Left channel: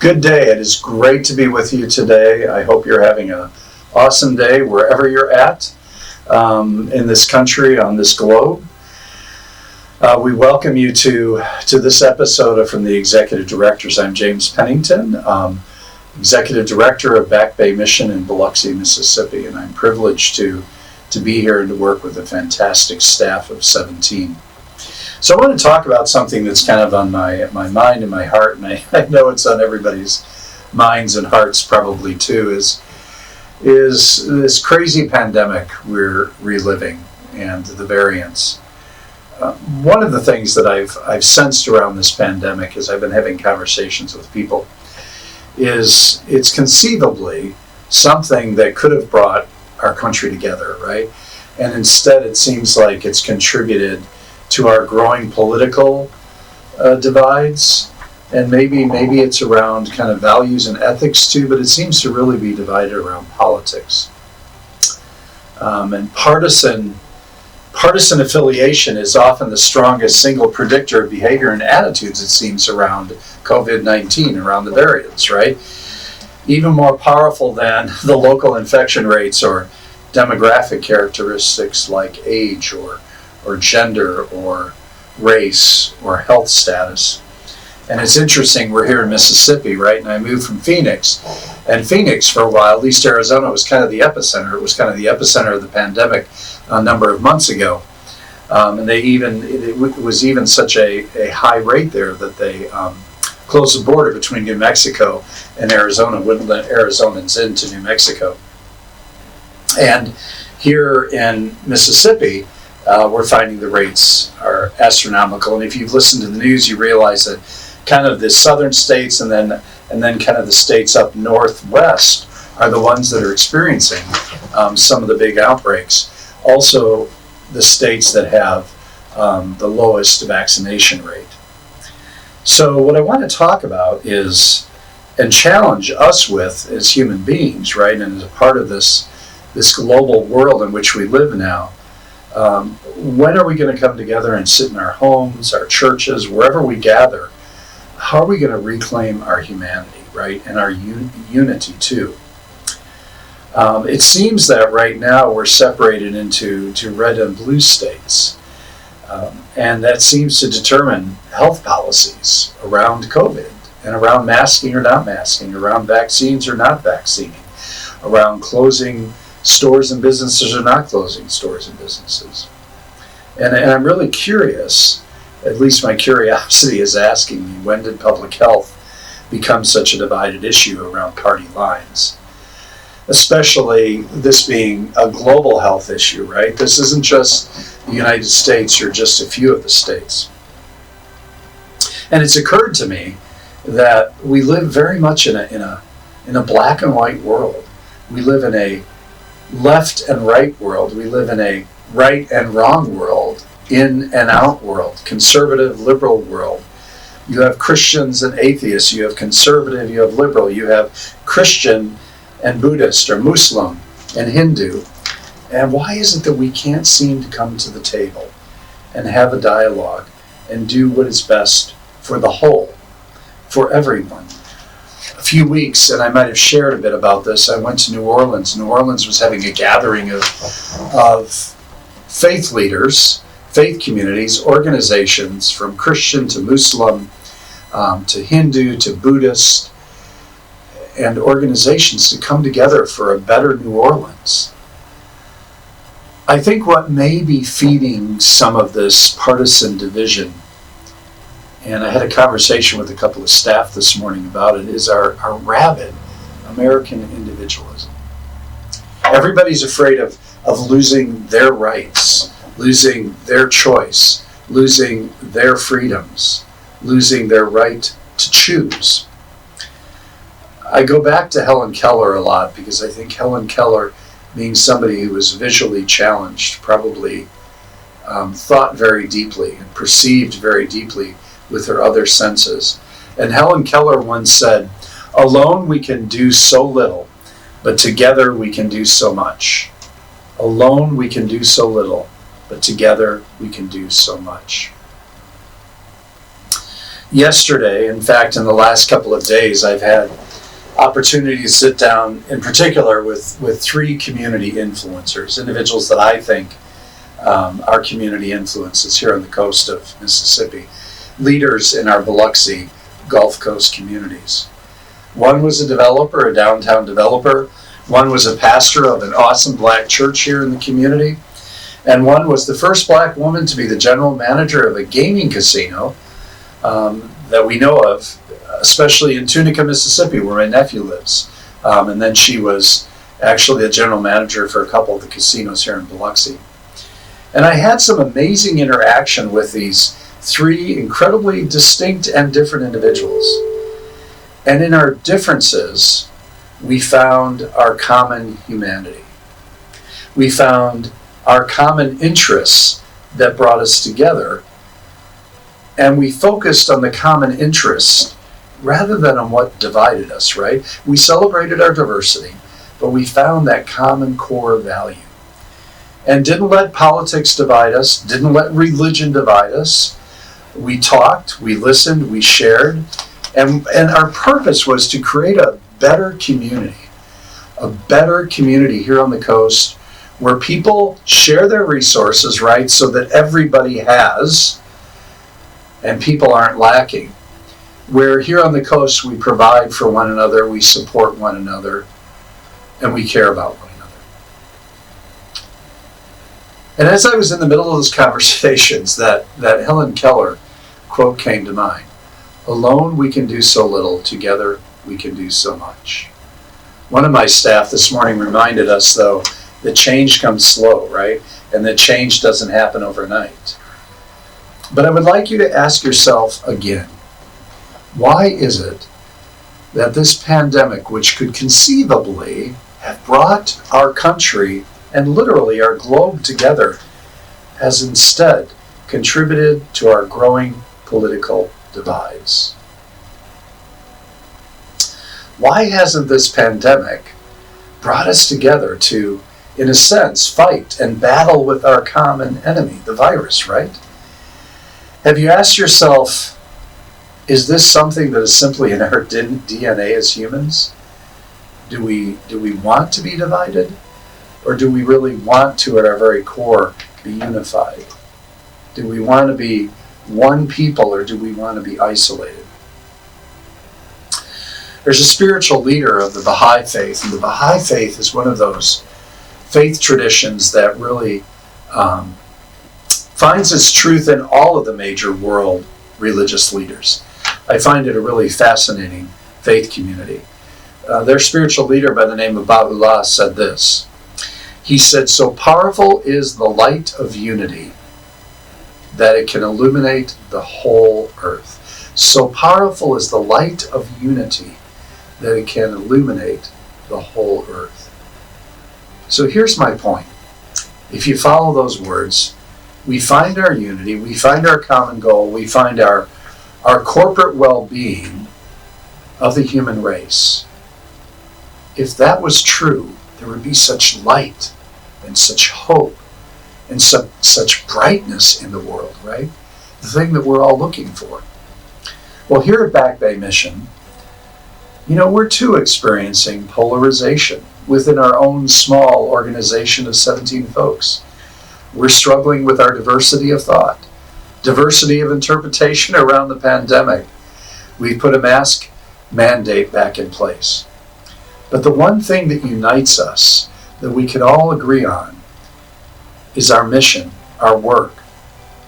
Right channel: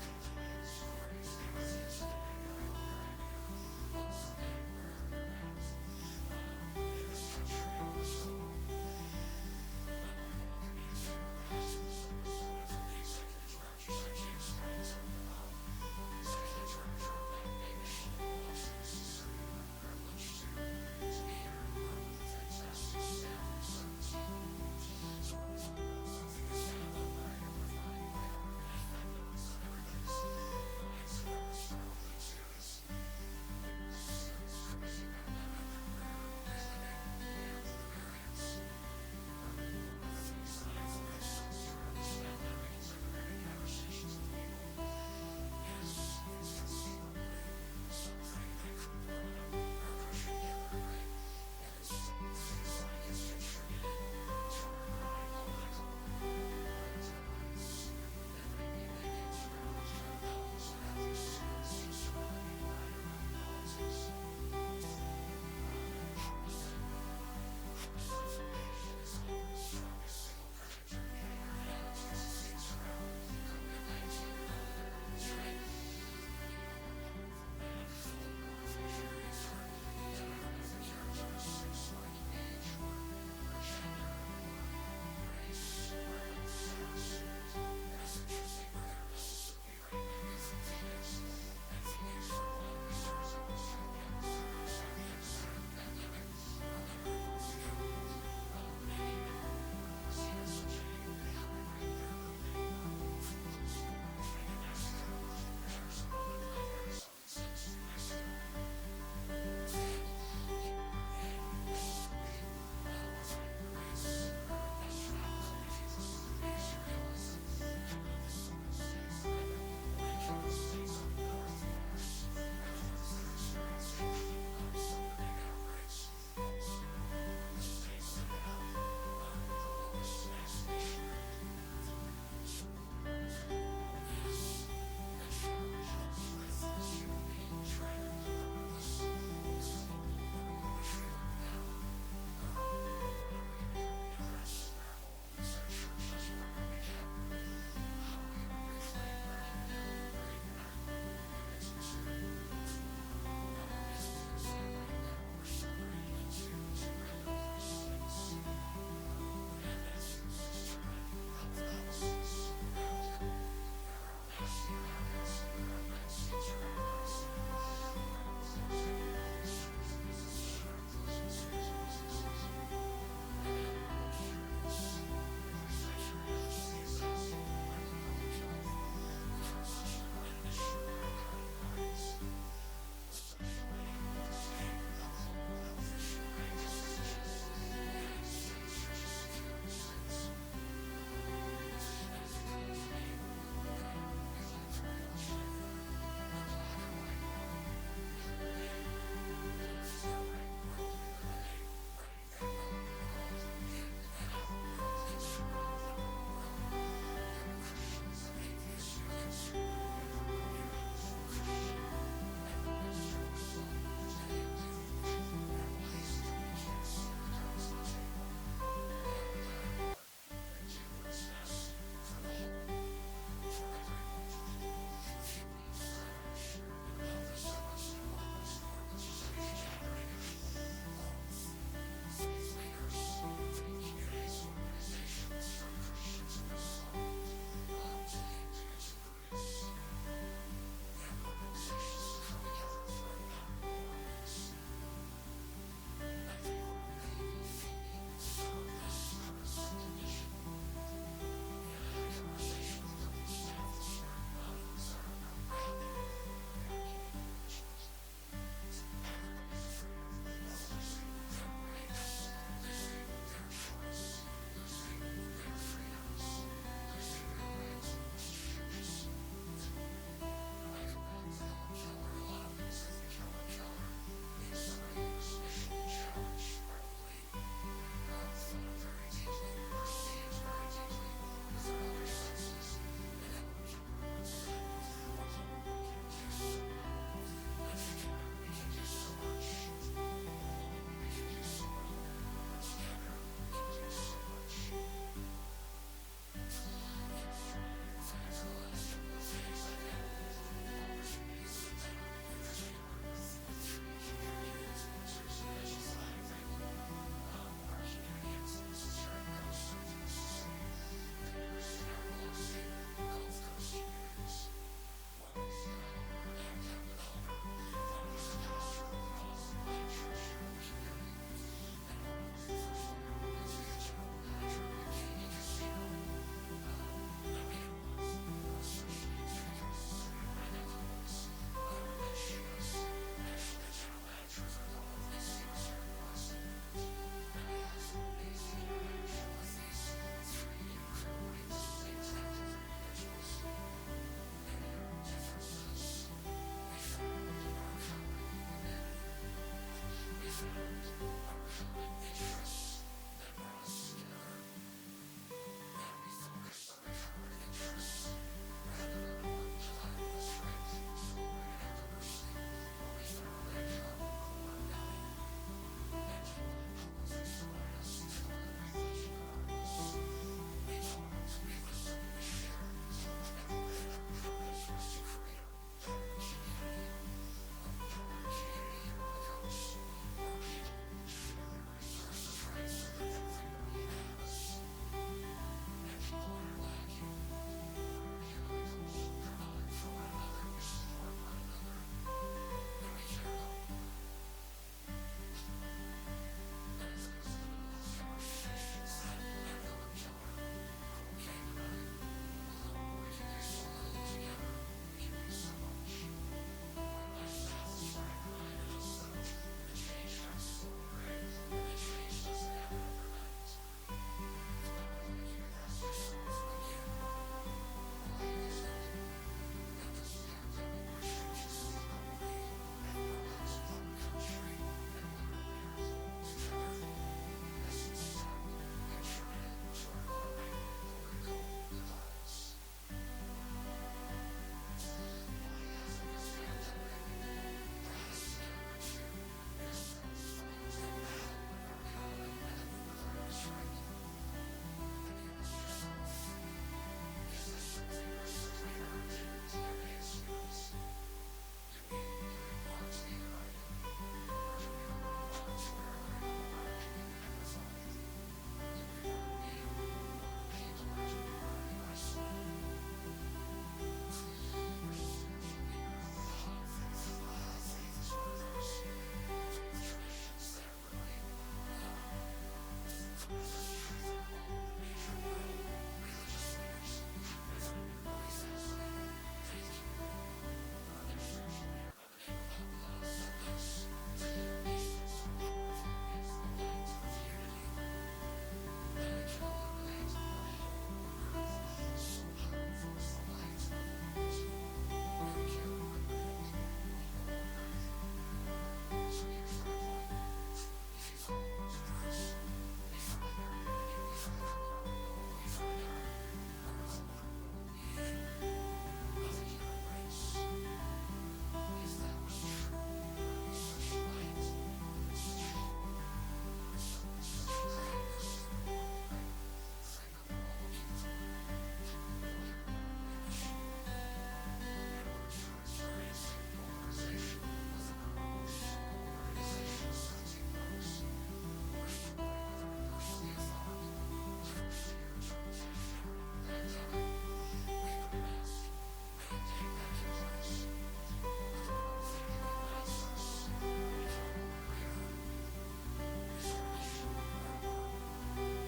Good day. It is great to be with you today. I hope you're having an awesome day wherever you're at in this country, on this globe. We welcome you to this episode of From the Executive Directors. I'm James Pennington, Executive Director of Back Bay Mission in Biloxi, Mississippi, and I'm privileged to be here and to work with a fantastic staff of 17. So I want to talk about something that's kind of on my mind and my heart, and I know it's on everybody's minds and hearts probably too, is this crazy pandemic we're reliving and the variants. One of the things that I've sensed around this pandemic as I've been having conversations with people is it's conceivably something that could have brought our country together, right? And instead it seems like it's contributed to our growing political divides, and maybe it's around kind of values and ethics too, but it seems to really be divided around politics. And partisan affiliation is often the strongest single predictor of behavior and attitudes, it seems, around COVID-19, around the variants, right? Even more powerful than the local infection rates or demographic characteristics like age or gender or race or health status. And it's interesting, we're here in Mississippi, right? And I moved from Phoenix. And Phoenix, for a while, at least Arizona, was kind of the epicenter. It was kind of the epicenter of the pandemic a number of months ago. And it was even such a high rate there that they closed the border between New Mexico and Arizona, wouldn't let Arizonans into New Mexico. And here in Mississippi, we're finding the rates are astronomical. And if you've listened to the news, you realize that kind of the southern states and then kind of the states up northwest are the ones that are experiencing some of the big outbreaks. Also, the states that have the lowest vaccination rate. So what I want to talk about is, and challenge us with as human beings, right, and as a part of this global world in which we live now, when are we going to come together and sit in our homes, our churches, wherever we gather? How are we going to reclaim our humanity, right, and our unity too? It seems that right now we're separated into red and blue states, and that seems to determine health policies around COVID and around masking or not masking, around vaccines or not vaccinating, around closing stores and businesses or not closing stores and businesses. And I'm really curious, at least my curiosity is asking me, when did public health become such a divided issue around party lines? Especially this being a global health issue, right? This isn't just the United States or just a few of the states. And it's occurred to me that we live very much in a black and white world. We live in a left and right world. We live in a right and wrong world, in and out world, conservative, liberal world. You have Christians and atheists. You have conservative, you have liberal. You have Christian and Buddhist or Muslim and Hindu. And why is it that we can't seem to come to the table and have a dialogue and do what is best for the whole, for everyone? A few weeks, and I might have shared a bit about this, I went to New Orleans. New Orleans was having a gathering of faith leaders, faith communities, organizations from Christian to Muslim to Hindu to Buddhist, and organizations to come together for a better New Orleans. I think what may be feeding some of this partisan division, and I had a conversation with a couple of staff this morning about it, is our rabid American individualism. Everybody's afraid of losing their rights, losing their choice, losing their freedoms, losing their right to choose. I go back to Helen Keller a lot because I think Helen Keller, being somebody who was visually challenged, probably thought very deeply and perceived very deeply with her other senses. And Helen Keller once said, "Alone we can do so little, but together we can do so much. Alone we can do so little, but together we can do so much." Yesterday, in fact, in the last couple of days, I've had opportunity to sit down in particular with three community influencers, individuals that I think are community influences here on the coast of Mississippi, leaders in our Biloxi Gulf Coast communities. One was a developer, a downtown developer. One was a pastor of an awesome black church here in the community. And one was the first black woman to be the general manager of a gaming casino that we know of, especially in Tunica, Mississippi, where my nephew lives. And then she was actually the general manager for a couple of the casinos here in Biloxi. And I had some amazing interaction with these three incredibly distinct and different individuals. And in our differences, we found our common humanity. We found our common interests that brought us together. And we focused on the common interests rather than on what divided us, right? We celebrated our diversity, but we found that common core value. And didn't let politics divide us, didn't let religion divide us. We talked, we listened, we shared, and our purpose was to create a better community here on the coast where people share their resources, right, so that everybody has and people aren't lacking. Where here on the coast we provide for one another, we support one another, and we care about one another. And as I was in the middle of those conversations, that Helen Keller quote came to mind. Alone we can do so little, together we can do so much. One of my staff this morning reminded us, though, that change comes slow, right? And that change doesn't happen overnight. But I would like you to ask yourself again, why is it that this pandemic, which could conceivably have brought our country and literally our globe together, has instead contributed to our growing political divides? Why hasn't this pandemic brought us together to, in a sense, fight and battle with our common enemy, the virus, right? Have you asked yourself, is this something that is simply in our DNA as humans? Do we want to be divided? Or do we really want to, at our very core, be unified? Do we want to be one people, or do we want to be isolated? There's a spiritual leader of the Baha'i faith, and the Baha'i faith is one of those faith traditions that really finds its truth in all of the major world religious leaders. I find it a really fascinating faith community. Their spiritual leader by the name of Baha'u'llah said this. He said, "So powerful is the light of unity that it can illuminate the whole earth." So powerful is the light of unity that it can illuminate the whole earth. So here's my point. If you follow those words, we find our unity, we find our common goal, we find our corporate well-being of the human race. If that was true, there would be such light and such hope and such brightness in the world, right? The thing that we're all looking for. Well, here at Back Bay Mission, we're too experiencing polarization within our own small organization of 17 folks. We're struggling with our diversity of thought, diversity of interpretation around the pandemic. We've put a mask mandate back in place. But the one thing that unites us, that we can all agree on, is our mission, our work,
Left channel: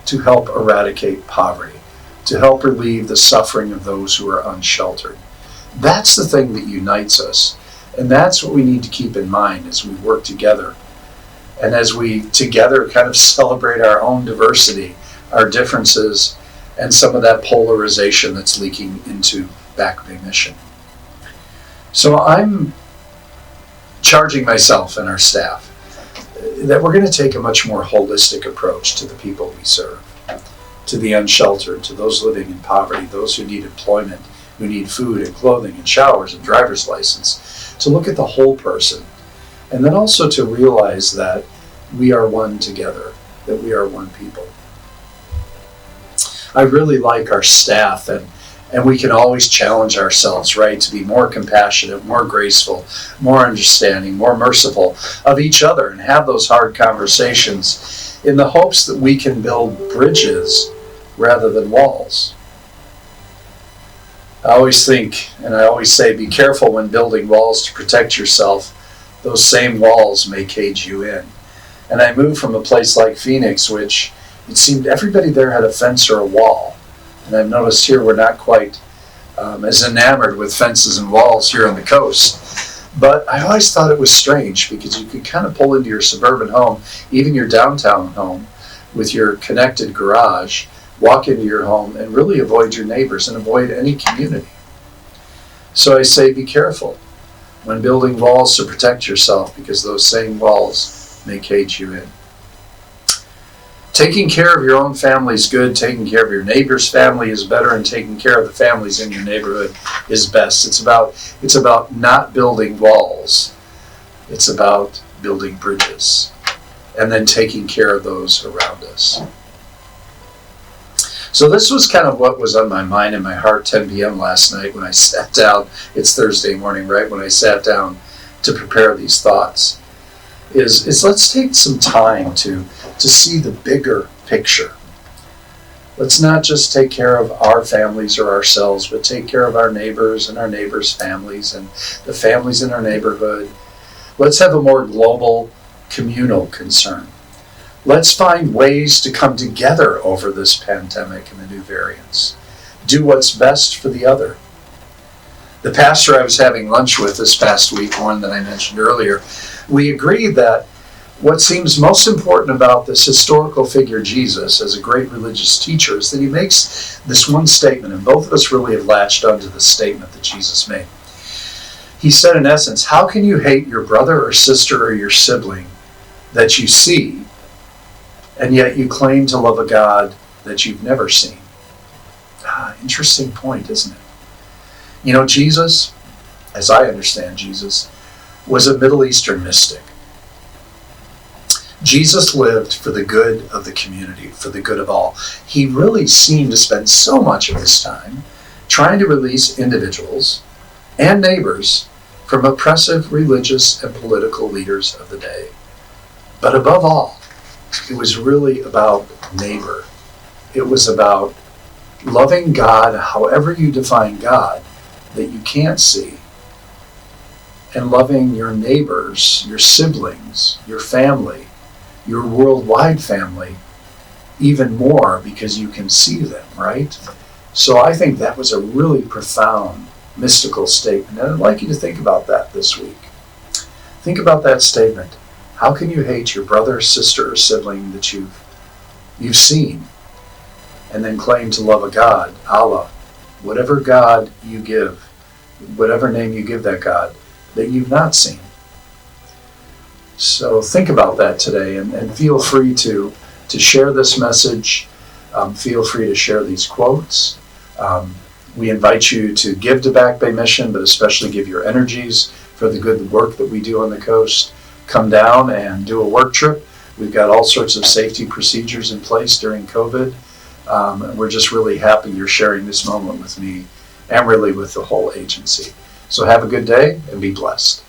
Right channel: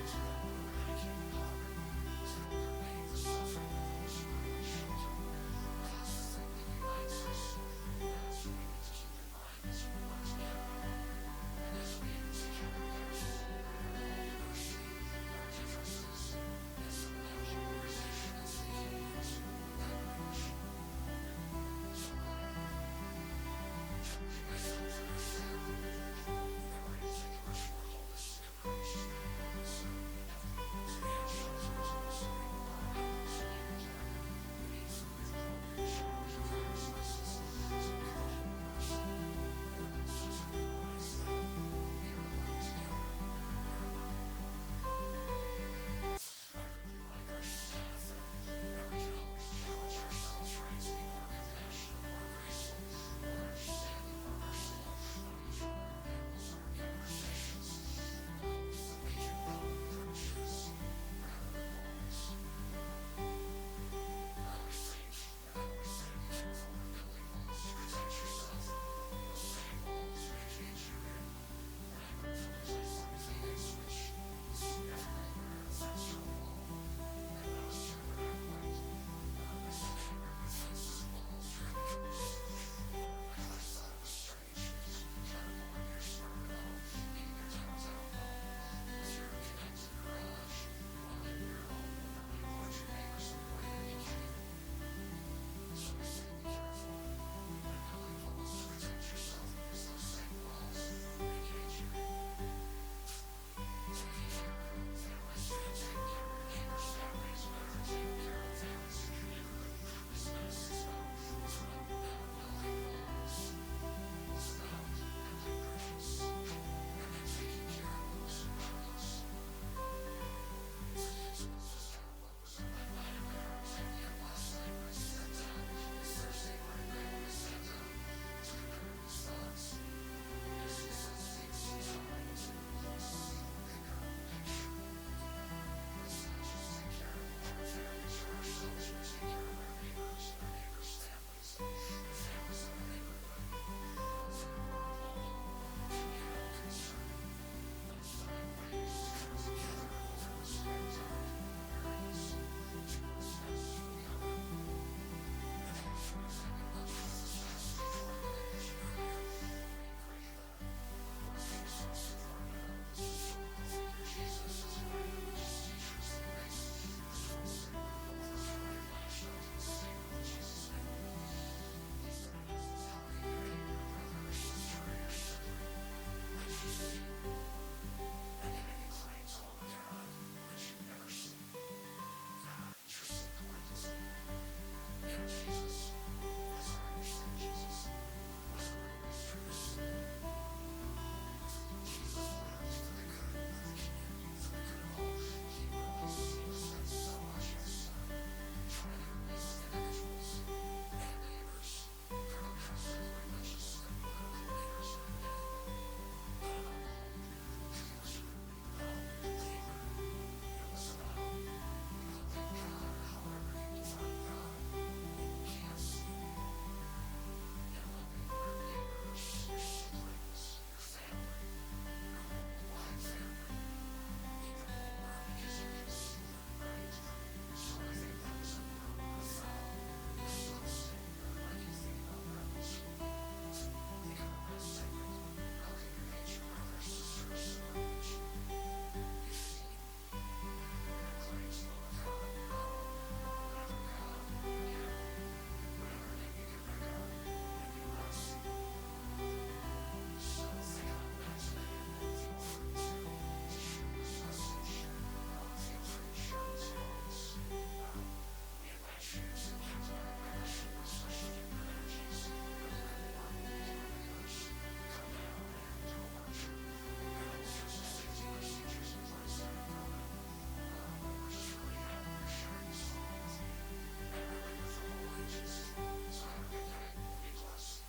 to help eradicate poverty, to help relieve the suffering of those who are unsheltered. That's the thing that unites us. And that's what we need to keep in mind as we work together. And as we together kind of celebrate our own diversity, our differences, and some of that polarization that's leaking into Back Bay Mission. So I'm charging myself and our staff that we're going to take a much more holistic approach to the people we serve, to the unsheltered, to those living in poverty, those who need employment, who need food and clothing and showers and driver's license, to look at the whole person. And then also to realize that we are one together, that we are one people. I really like our staff, and we can always challenge ourselves, right, to be more compassionate, more graceful, more understanding, more merciful of each other, and have those hard conversations in the hopes that we can build bridges rather than walls. I always think, and I always say, be careful when building walls to protect yourself. Those same walls may cage you in. And I moved from a place like Phoenix, which it seemed everybody there had a fence or a wall. And I've noticed here we're not quite as enamored with fences and walls here on the coast. But I always thought it was strange because you could kind of pull into your suburban home, even your downtown home, with your connected garage, walk into your home and really avoid your neighbors and avoid any community. So I say be careful when building walls to protect yourself, because those same walls may cage you in. Taking care of your own family is good, taking care of your neighbor's family is better, and taking care of the families in your neighborhood is best. It's about not building walls. It's about building bridges and then taking care of those around us. So this was kind of what was on my mind and my heart 10 p.m. last night when I sat down. It's Thursday morning, right? When I sat down to prepare these thoughts. Is let's take some time to see the bigger picture. Let's not just take care of our families or ourselves, but take care of our neighbors and our neighbors' families and the families in our neighborhood. Let's have a more global, communal concern. Let's find ways to come together over this pandemic and the new variants. Do what's best for the other. The pastor I was having lunch with this past week, one that I mentioned earlier, we agreed that what seems most important about this historical figure, Jesus, as a great religious teacher, is that he makes this one statement, and both of us really have latched onto the statement that Jesus made. He said, in essence, how can you hate your brother or sister or your sibling that you see, and yet you claim to love a God that you've never seen? Interesting point, isn't it? You know, Jesus, as I understand Jesus, was a Middle Eastern mystic. Jesus lived for the good of the community, for the good of all. He really seemed to spend so much of his time trying to release individuals and neighbors from oppressive religious and political leaders of the day. But above all, it was really about neighbor. It was about loving God, however you define God, that you can't see, and loving your neighbors, your siblings, your family, your worldwide family, even more because you can see them, right? So I think that was a really profound, mystical statement, and I'd like you to think about that this week. Think about that statement. How can you hate your brother, sister, or sibling that you've seen, and then claim to love a God, Allah, whatever God you give, whatever name you give that God, that you've not seen? So think about that today, and feel free to share this message. Feel free to share these quotes. We invite you to give to Back Bay Mission, but especially give your energies for the good work that we do on the coast. Come down and do a work trip. We've got all sorts of safety procedures in place during COVID. And we're just really happy you're sharing this moment with me and really with the whole agency. So have a good day and be blessed.